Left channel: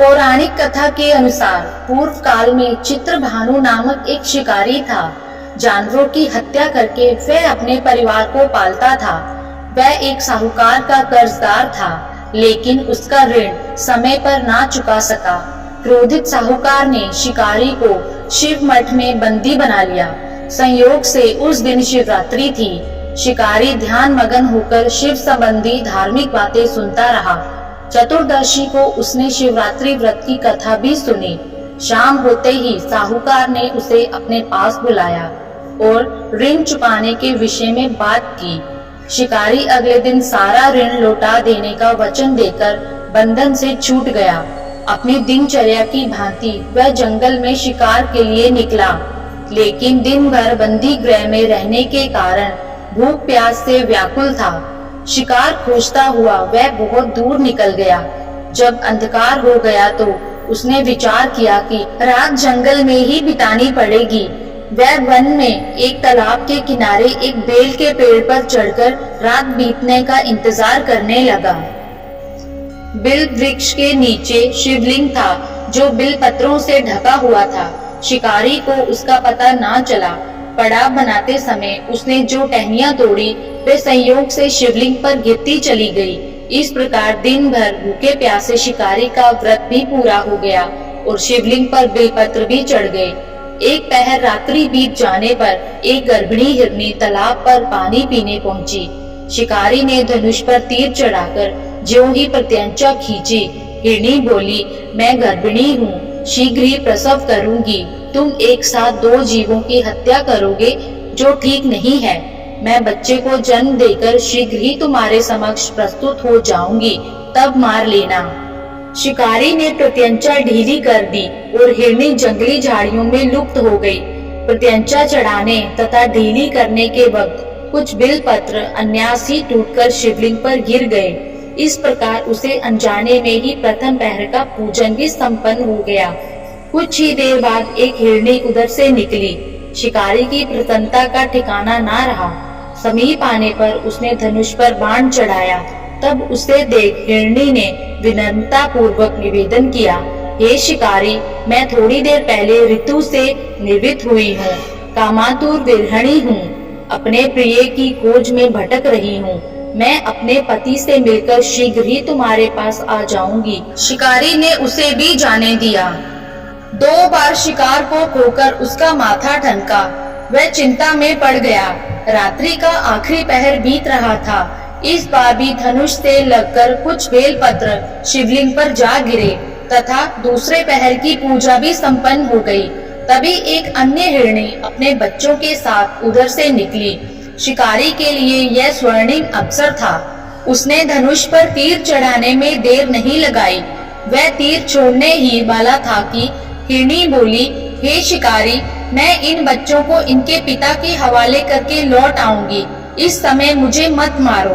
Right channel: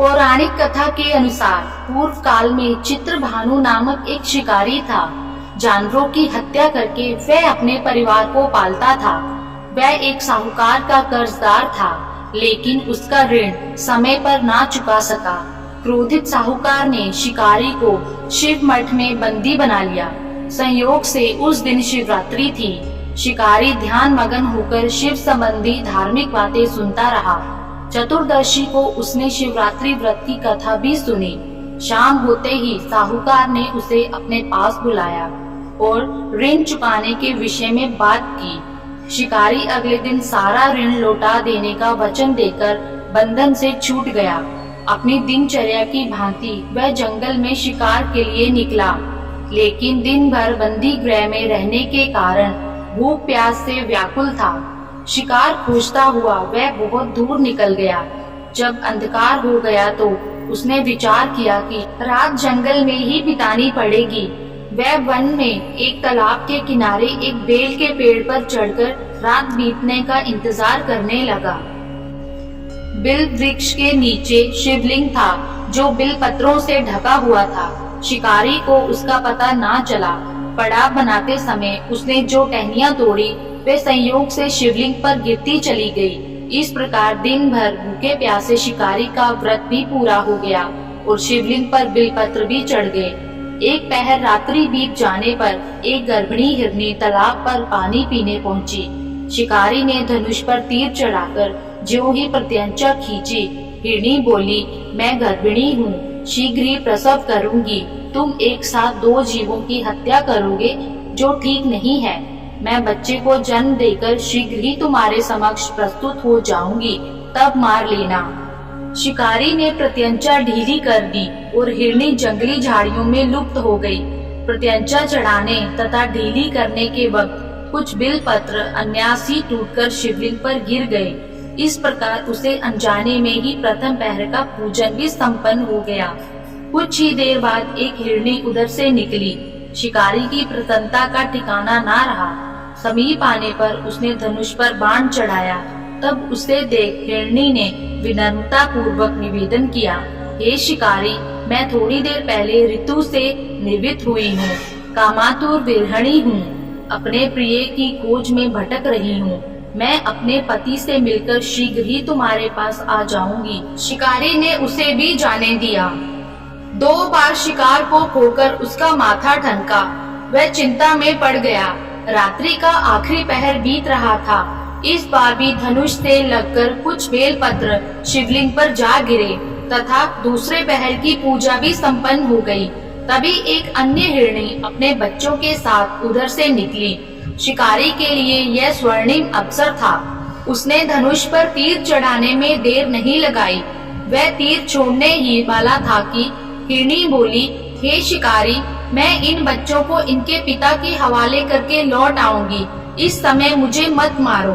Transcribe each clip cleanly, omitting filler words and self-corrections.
पौराणिक कथा के अनुसार पूर्व काल में चित्रभानु नामक एक शिकारी था। जानवरों की हत्या करके वह अपने परिवार को पालता था। वह एक साहूकार का कर्जदार था, लेकिन उसका ऋण समय पर ना चुका सका। क्रोधित साहूकार ने शिकारी को शिव मठ में बंदी बना लिया। संयोग से उस दिन शिवरात्रि थी। शिकारी ध्यान मगन होकर शिव संबंधी धार्मिक बातें सुनता रहा। चतुर्दशी को उसने शिवरात्रि व्रत की कथा भी सुनी। शाम होते ही साहूकार ने उसे अपने पास बुलाया और ऋण चुकाने के विषय में बात की। शिकारी अगले दिन सारा ऋण लौटा देने का वचन देकर बंधन से छूट गया। अपनी दिनचर्या की भांति वह जंगल में शिकार के लिए निकला, लेकिन दिन भर बंदी गृह में रहने के कारण भूख प्यास से व्याकुल था। शिकार खोजता हुआ वह बहुत दूर निकल गया। जब अंधकार हो गया तो उसने विचार किया कि रात जंगल में ही बितानी पड़ेगी। वह वन में एक तालाब के किनारे एक बेल के पेड़ पर चढ़कर रात बीतने का इंतजार करने लगा। बिल वृक्ष के नीचे शिवलिंग था, जो बिल पत्रों से ढका हुआ था। शिकारी को उसका पता ना चला। पड़ाव बनाते समय उसने जो टहनियां तोड़ी वे संयोग से शिवलिंग पर गिरती चली गई। इस प्रकार दिन भर भूखे प्यासे शिकारी का व्रत भी पूरा हो गया और शिवलिंग पर बेलपत्र भी चढ़ गए। एक पहर रात्रि बीत जाने पर एक गर्भिणी हिरनी तालाब पर पानी पीने पहुंची। शिकारी ने धनुष पर तीर चढ़ाकर ज्यों ही प्रत्यंचा खींची। हिरनी बोली, मैं गर्भिणी हूँ, शीघ्र ही प्रसव करूंगी। तुम एक साथ दो जीवों की हत्या करोगे, जो ठीक नहीं है। मैं बच्चे को जन्म देकर शीघ्र ही तुम्हारे समक्ष प्रस्तुत हो जाऊंगी, तब मार लेना। शिकारी ने प्रत्यंचा ढीली कर दी और हिरनी जंगली झाड़ियों में लुप्त हो गई। प्रत्यंचा चढ़ाने तथा ढीली करने के वक्त कुछ बिल पत्र अन्यास ही टूटकर शिवलिंग पर गिर गए। इस प्रकार उसे अनजाने में ही प्रथम पहर का पूजन भी संपन्न हो गया। कुछ ही देर बाद एक हिरनी उधर से निकली। शिकारी की प्रसन्नता का ठिकाना ना रहा। समीप आने पर उसने धनुष पर बाण चढ़ाया। तब उसे देख हिरनी ने विनम्रता पूर्वक निवेदन किया, हे शिकारी, मैं थोड़ी देर पहले ऋतु से निर्वित हुई हूँ, कामातुर विरहणी हूँ, अपने प्रिय की खोज में भटक रही हूँ। मैं अपने पति से मिलकर शीघ्र ही तुम्हारे पास आ जाऊंगी। शिकारी ने उसे भी जाने दिया। 2 बार शिकार को खोकर उसका माथा ठनका। वह चिंता में पड़ गया। रात्रि का आखिरी पहर बीत रहा था। इस बार भी धनुष से लगकर कुछ बेलपत्र शिवलिंग पर जा गिरे तथा दूसरे पहर की पूजा भी संपन्न हो गई। तभी एक अन्य हिरनी अपने बच्चों के साथ उधर से निकली। शिकारी के लिए यह स्वर्णिम अवसर था। उसने धनुष पर तीर चढ़ाने में देर नहीं लगाई। वह तीर छोड़ने ही वाला था कि हिरनी बोली, हे शिकारी, मैं इन बच्चों को इनके पिता के हवाले करके लौट आऊंगी। इस समय मुझे मत मारो।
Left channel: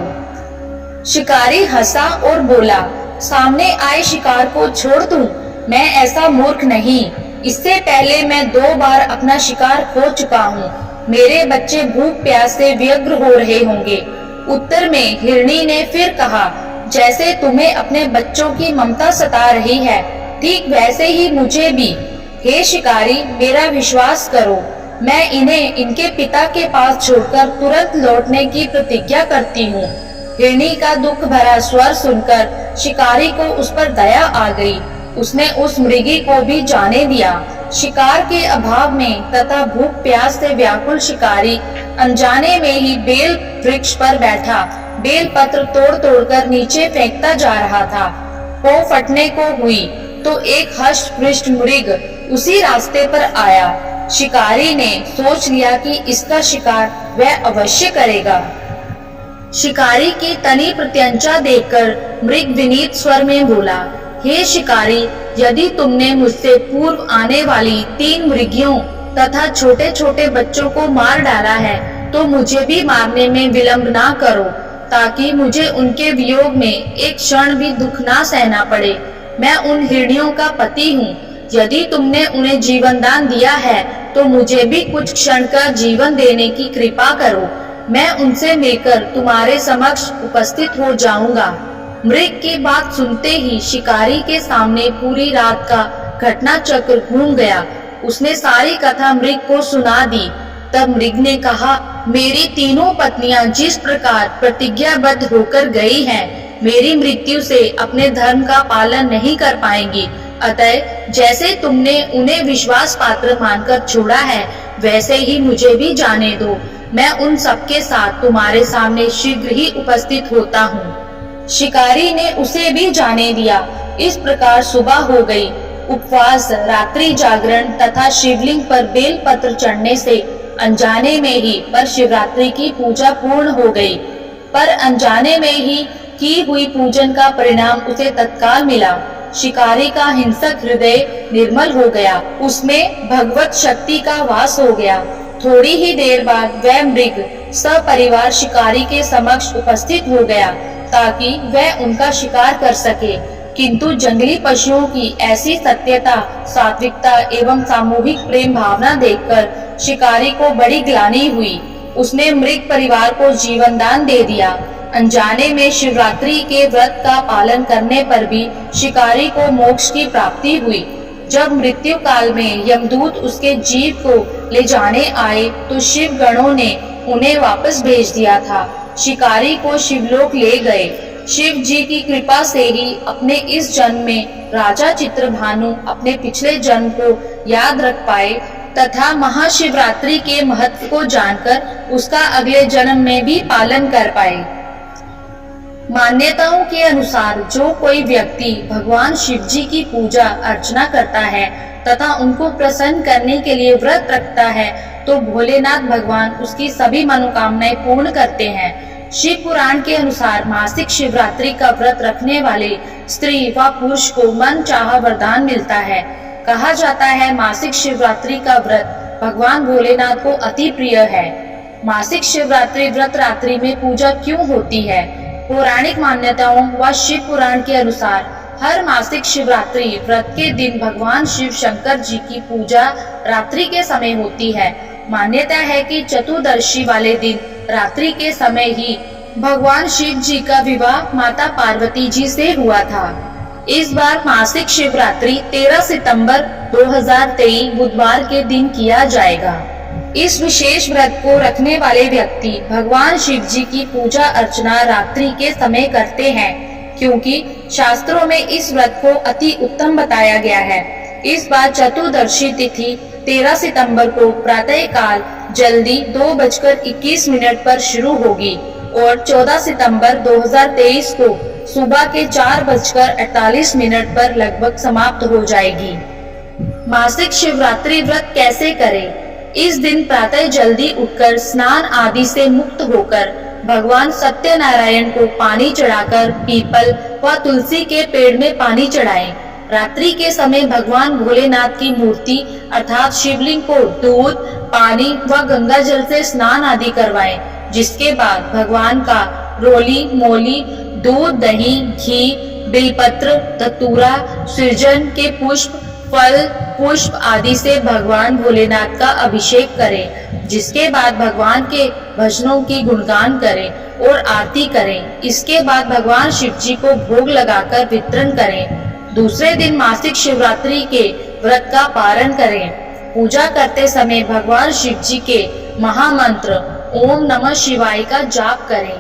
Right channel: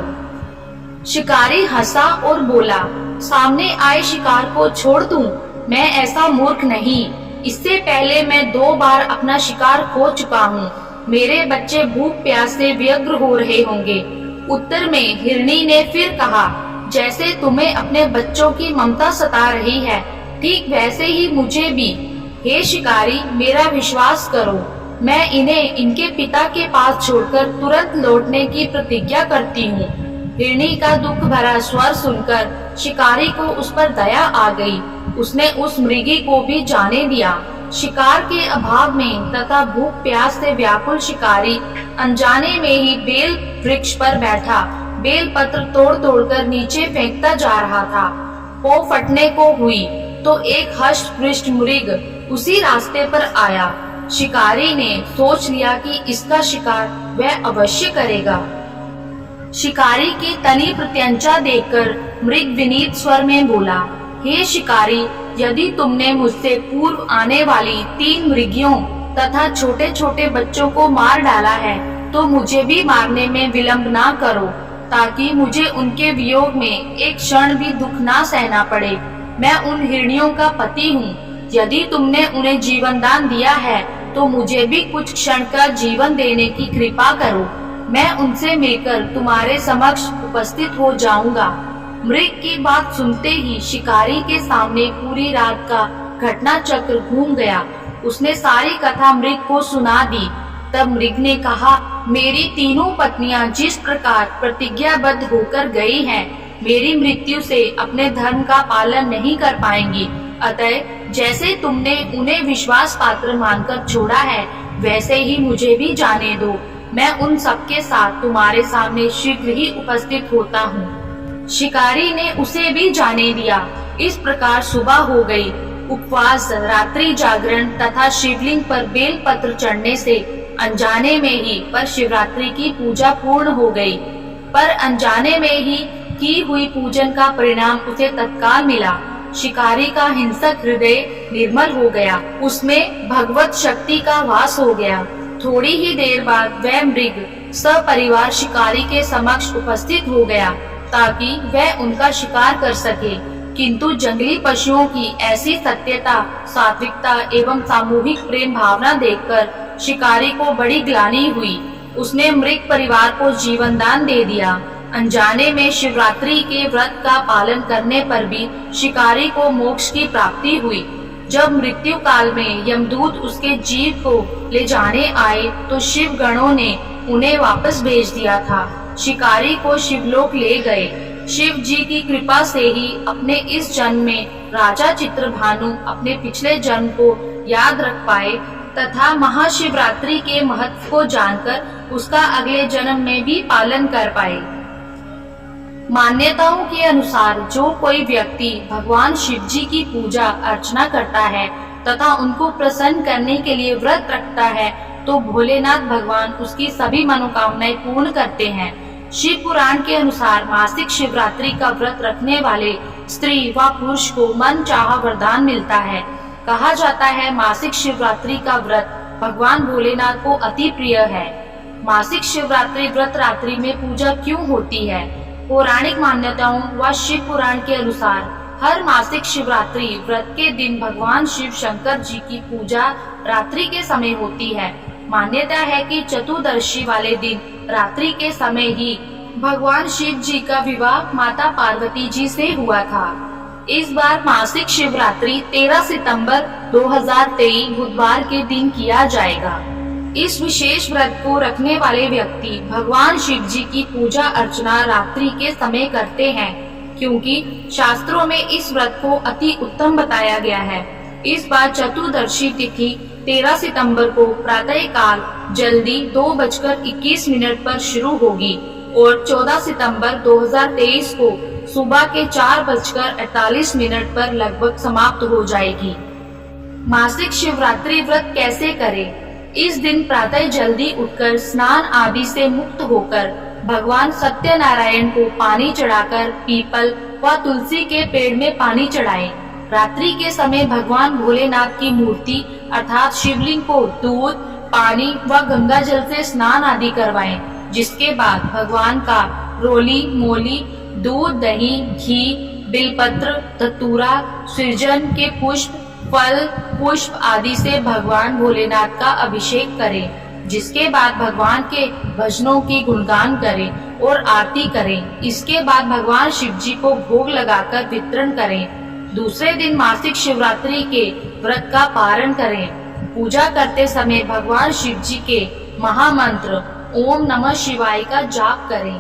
शिकारी हंसा और बोला, सामने आए शिकार को छोड़ दूं? मैं ऐसा मूर्ख नहीं। इससे पहले मैं 2 बार अपना शिकार खो चुका हूँ। मेरे बच्चे भूख प्यास से व्यग्र हो रहे होंगे। उत्तर में हिरनी ने फिर कहा, जैसे तुम्हें अपने बच्चों की ममता सता रही है, ठीक वैसे ही मुझे भी। हे शिकारी, मेरा विश्वास करो, मैं इन्हें इनके पिता के पास छोड़कर तुरंत लौटने की प्रतिज्ञा करती हूँ। हिरनी का दुख भरा स्वर सुनकर शिकारी को उस पर दया आ गई। उसने उस मृगी को भी जाने दिया। शिकार के अभाव में तथा भूख प्यास से व्याकुल शिकारी अनजाने में ही बेल वृक्ष पर बैठा बेल पत्र तोड़ तोड़कर नीचे फेंकता जा रहा था। वो फटने को हुई तो एक हष्ट पृष्ठ मृग उसी रास्ते पर आया। शिकारी ने सोच लिया कि इसका शिकार वह अवश्य करेगा। शिकारी की तनी प्रत्यंचा देखकर मृग विनीत स्वर में बोला, हे शिकारी, यदि तुमने मुझसे पूर्व आने वाली 3 मृगियों तथा छोटे छोटे बच्चों को मार डाला है, तो मुझे भी मारने में विलंब ना करो, ताकि मुझे उनके वियोग में एक क्षण भी दुख ना सहना पड़े। मैं उन हिरनियों का पति हूँ। यदि तुमने उन्हें जीवन दान दिया है, तो मुझे भी कुछ क्षण का जीवन देने की कृपा करो। मैं उनसे मिलकर तुम्हारे समक्ष उपस्थित हो जाऊंगा। मृग की बात सुनते ही शिकारी के सामने पूरी रात का घटना चक्र घूम गया। उसने सारी कथा मृग को सुना दी। तब मृग ने कहा, मेरी तीनों पत्नियां जिस प्रकार प्रतिज्ञाबद्ध होकर गई हैं, मेरी मृत्यु से अपने धर्म का पालन नहीं कर पाएंगी। अतः जैसे तुमने उन्हें विश्वास पात्र मानकर छोड़ा है, वैसे ही मुझे भी जाने दो। मैं उन सबके साथ तुम्हारे सामने शीघ्र ही उपस्थित होता हूँ। शिकारी ने उसे भी जाने दिया। इस प्रकार सुबह हो गई। उपवास, रात्रि जागरण तथा शिवलिंग पर बेल पत्र चढ़ने से अनजाने में ही पर शिवरात्रि की पूजा पूर्ण हो गई। पर अनजाने में ही की हुई पूजन का परिणाम उसे तत्काल मिला। शिकारी का हिंसक हृदय निर्मल हो गया, उसमें भगवत शक्ति का वास हो गया। थोड़ी ही देर बाद वह मृग सपरिवार शिकारी के समक्ष उपस्थित हो गया ताकि वह उनका शिकार कर सके। किंतु जंगली पशुओं की ऐसी सत्यता, सात्विकता एवं सामूहिक प्रेम भावना देखकर शिकारी को बड़ी ग्लानि हुई। उसने मृग परिवार को जीवन दान दे दिया। अनजाने में शिवरात्रि के व्रत का पालन करने पर भी शिकारी को मोक्ष की प्राप्ति हुई। जब मृत्यु काल में यमदूत उसके जीव को ले जाने आए तो शिव गणों ने उन्हें वापस भेज दिया था। शिकारी को शिवलोक ले गए। शिव जी की कृपा से ही अपने इस जन्म में राजा चित्रभानु अपने पिछले जन्म को याद रख पाए तथा महाशिवरात्रि के महत्व को जानकर उसका अगले जन्म में भी पालन कर पाए। मान्यताओं के अनुसार जो कोई व्यक्ति भगवान शिव जी की पूजा अर्चना करता है तथा उनको प्रसन्न करने के लिए व्रत रखता है तो भोलेनाथ भगवान उसकी सभी मनोकामनाएं पूर्ण करते हैं। शिव पुराण के अनुसार मासिक शिवरात्रि का व्रत रखने वाले स्त्री व पुरुष को मन चाहा वरदान मिलता है। कहा जाता है मासिक शिवरात्रि का व्रत भगवान भोलेनाथ को अति प्रिय है। मासिक शिवरात्रि व्रत रात्रि में पूजा क्यों होती है? पौराणिक मान्यताओं व शिव पुराण के अनुसार हर मासिक शिवरात्रि व्रत के दिन भगवान शिव शंकर जी की पूजा रात्रि के समय होती है। मान्यता है कि चतुर्दशी वाले दिन रात्रि के समय ही भगवान शिव जी का विवाह माता पार्वती जी से हुआ था। इस बार मासिक शिवरात्रि 13 सितंबर 2023 बुधवार के दिन किया जाएगा। इस विशेष व्रत को रखने वाले व्यक्ति भगवान शिव जी की पूजा अर्चना रात्रि के समय करते हैं, क्योंकि शास्त्रों में इस व्रत को अति उत्तम बताया गया है। इस बार चतुर्दशी तिथि 13 सितंबर को प्रातः काल जल्दी 2:21 पर शुरू होगी और 14 सितंबर 2023 को सुबह के 4:48 पर लगभग समाप्त हो जाएगी। मासिक शिवरात्रि व्रत कैसे करें? इस दिन प्रातः जल्दी उठकर स्नान आदि से मुक्त होकर भगवान सत्यनारायण को पानी चढ़ाकर पीपल व तुलसी के पेड़ में पानी चढ़ाएं। रात्रि के समय भगवान भोलेनाथ की मूर्ति अर्थात शिवलिंग को दूध, पानी व गंगा जल से स्नान आदि करवाएं, जिसके बाद भगवान का रोली मोली, दूध, दही, घी, बिलपत्र, धतूरा, सृजन के पुष्प, फल, पुष्प आदि से भगवान भोलेनाथ का अभिषेक करें। जिसके बाद भगवान के भजनों की गुणगान करें और आरती करें। इसके बाद भगवान शिव जी को भोग लगाकर वितरण करें। दूसरे दिन मासिक शिवरात्रि के व्रत का पारण करें। पूजा करते समय भगवान शिव जी के महामंत्र ओम नमः शिवाय का जाप करें।